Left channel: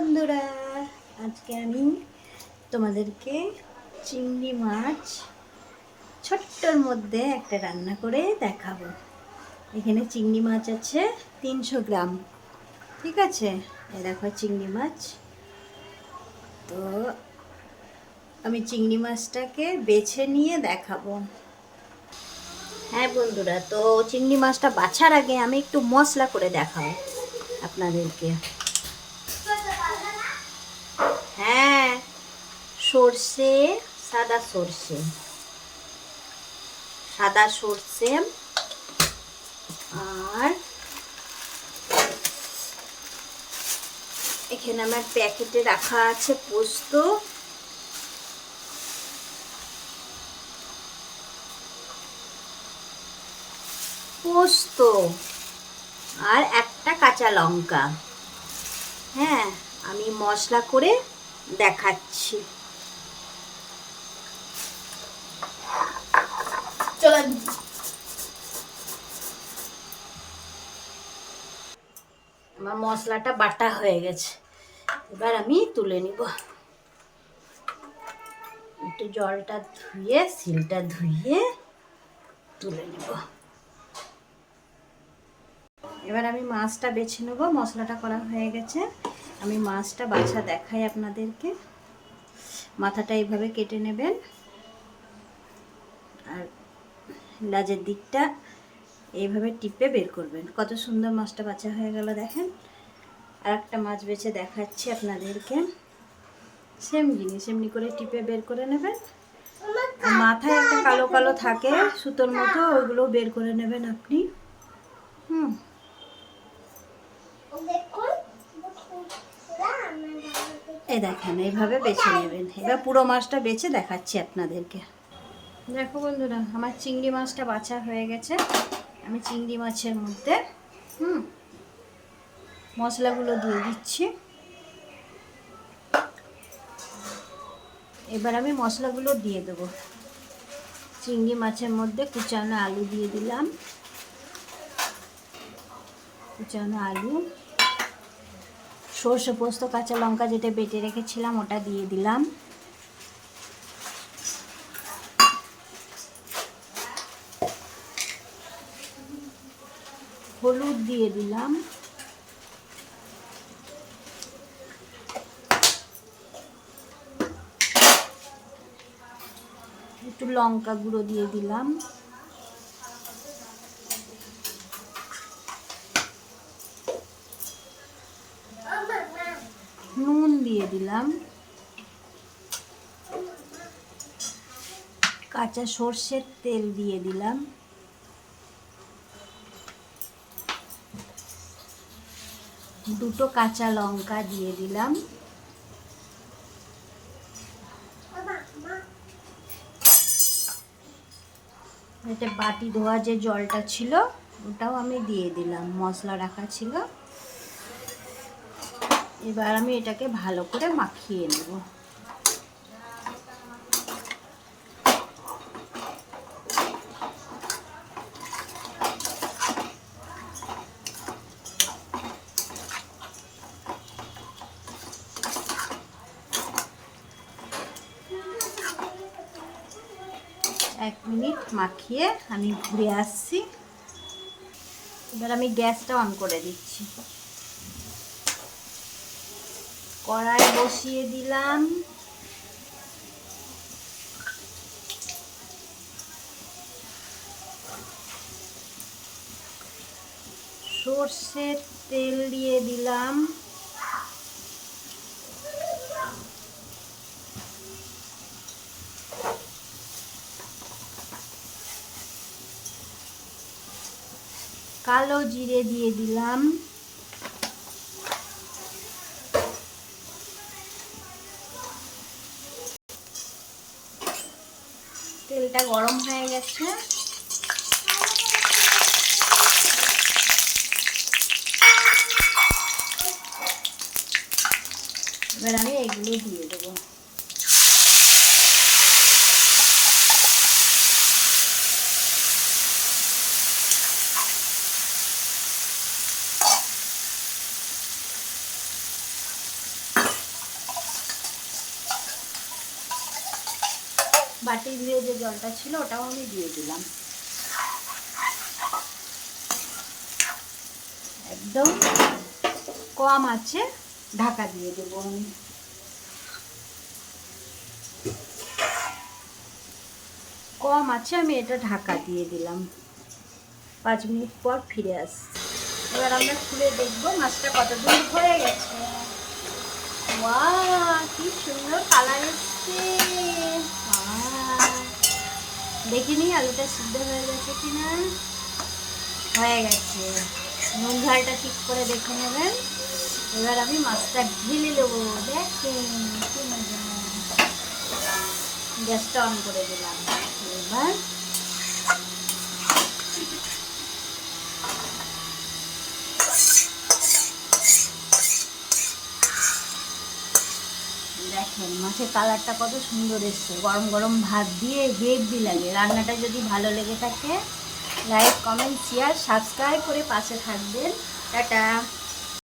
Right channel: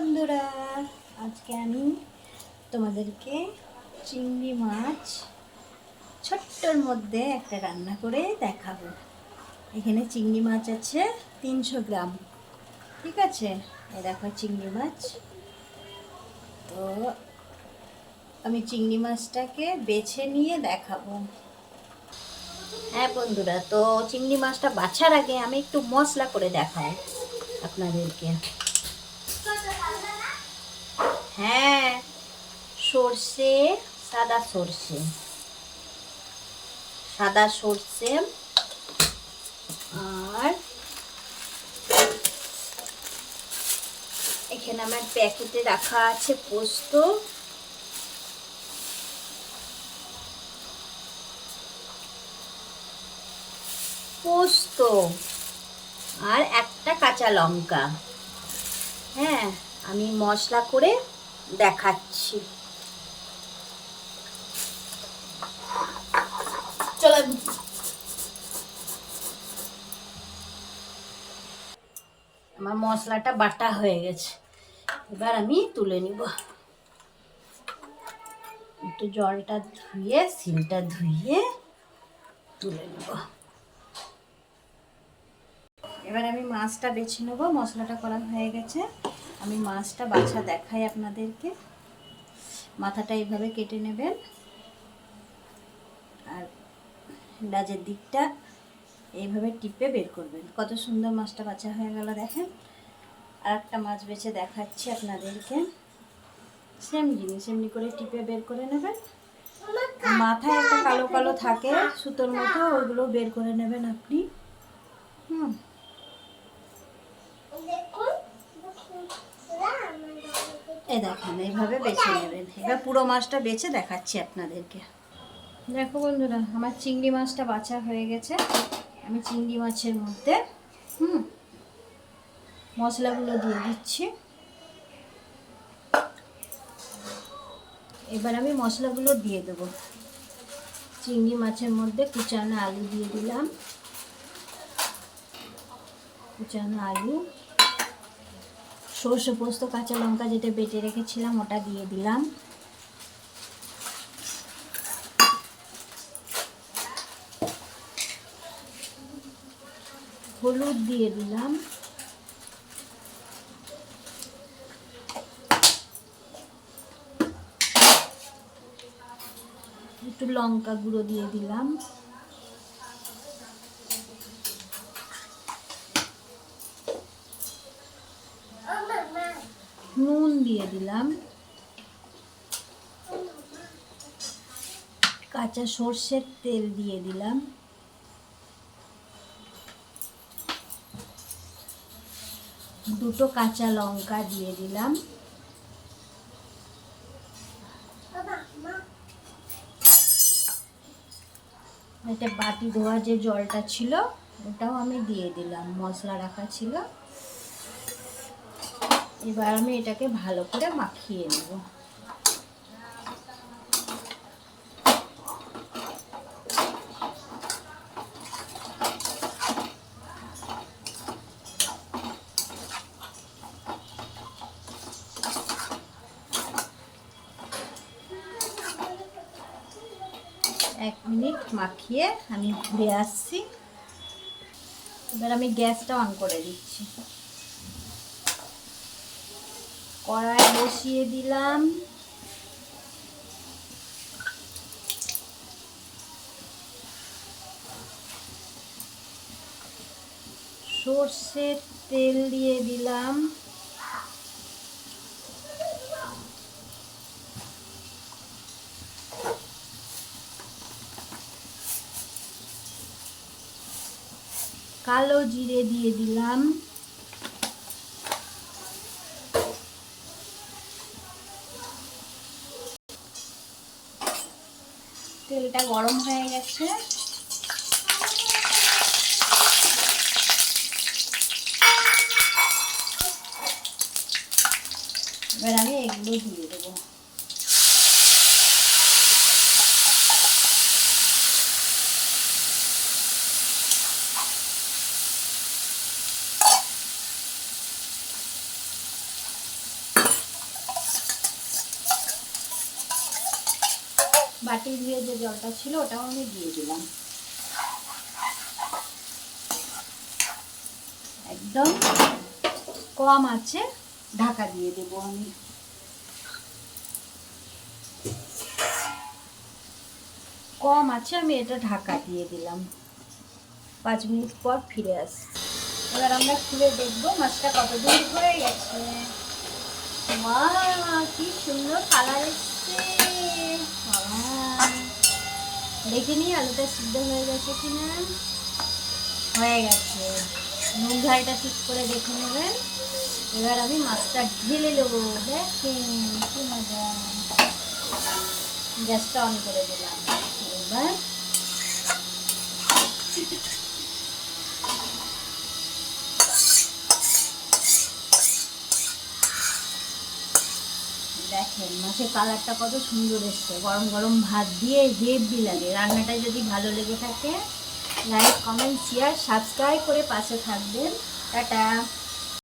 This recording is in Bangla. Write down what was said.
বন্ধুরা, আজকে আমি তোমাদেরকে চিংড়ি মাছ ছোট্টর মধ্যে একটা রান্না করে দেখাবো। এখানে চিংড়ি মাছ আছে 300 গ্রাম। ঠিক আছে, এই দেখো চিংড়ি মাছ। তো আমি চিংড়ি মাছটাকে বেছে নিয়ে দেখাবো। হ্যাঁ বন্ধুরা, তো চিংড়ি মাছটা বাছার আগে আমি একটু মশলা করে দেখাবো আপনাদেরকে। হ্যাঁ, সর্ষে, সাদা সর্ষে, আর এখানে আমার প্যাকেটে রাখা আছে পোস্ত, আর একটা কাঁচা লঙ্কা। হ্যাঁ, আমি মশলা করে দেখাচ্ছি। চলো, আমার মশলাটা বাটা হয়ে গেছে, এবার আমি তুলে নিব। একটু জলটা ধুয়ে, সিলটা ধুয়ে তুলে নিব। এবার আমি মাছটা বেছে নেবো। মশলাটা করা হয়ে গেছে, আমি মাছটা বাছা দেখাই আপনাদেরকে। মাথাটা এইভাবে কেটে নেবেন, আর লাজের দিকটা এইভাবে টিপে বের করবেন। কত সুন্দর মাছটা বাছা হয়ে গেল দেখেন। আর একটা মাছ বেছে দেখাচ্ছি আপনাদেরকে। সেম জিনিস, এমনি করে টিপে বের করে নেবেন। মাথায় একটা কালো কালো থাকে সুতোর মতো, ওইগুলো বের করে নেবেন আপনি। এই দেখেন, এইভাবে বেছে নেবেন। এবার পুরো মাছটা বেছে দেখাচ্ছি আপনাদেরকে। দেখো বন্ধুরা, আমার চিংড়ি মাছটা বাছা হয়ে গেছে। আমি চিংড়ি মাছের মধ্যে মশলাগুলো দিয়ে দিচ্ছি। এবার আমি মশলাগুলো দিয়ে দেবো। চিংড়ি মাছের মধ্যে কুচানো আলু দিয়ে দিলাম, সর্ষে পোস্ত, কাঁচা লঙ্কা যেটা বেটে রেখেছিলাম ওটা দিয়ে দিলাম, হলুদ দিয়ে দিলাম, একটু লঙ্কা গুঁড়ো দিয়ে দিলাম, নুন দিয়ে দিলাম, কাঁচা সর্ষের তেল দিয়ে দিলাম, দুটো কাঁচা লঙ্কা দিয়ে দিলাম, এটা বাটি ধোয়া যে জলটা ছিল ওটাও আমি দিয়ে দিলাম, মশলা রাখা ছিল। এবার আমি এটাকে ভালো করে মাখিয়ে নেব। এক মিনিট মাখিয়ে আমি ঘুরে আসছি। এবার আমি গ্যাসটা অন করে দিচ্ছি। কড়াই বসিয়ে দিলাম, সর্ষের তেল দিয়ে দিলাম, কালো জিরে দিয়ে দিলাম, তেলটা গরম হয়ে গেছে। এবার আমি এগুলো দিয়ে দেবো। বাটি ধুয়ে যে জলটা ছিল ওটাও আমি দিয়ে দিলাম। একদম কম আছে ঢাকা দিয়ে দেবো আমি। কম আছে আমি এটা ঢাকা দিয়ে দিলাম। 5 মিনিট পর ফিরে আসি। এবার আমরা খুলে দেখবো মাছটা কতদূর হয়ে গেছে। ওয়াও, কি সুন্দর কালার এসছে। দেখিনি আলুটা সিদ্ধ হয়ে গেছে কিনা। হয়ে গেছে, নুন ঝালটা ঠিক করে দেখে নেবেন। এবার আমি মাছটা ঢেলে দেবো। দেখেন কি মজা। গ্যাসটা অন করে দিলাম। এবার দেখেন মাছের কালারটা কত সুন্দর এসছে। গরম গরম ভাত দিয়ে হেভি লাগে। রান্নাটা যদি ভালো লেগে থাকে লাইক কমেন্ট শেয়ার সাবস্ক্রাইব করে পাশে থাকবেন। টাটা।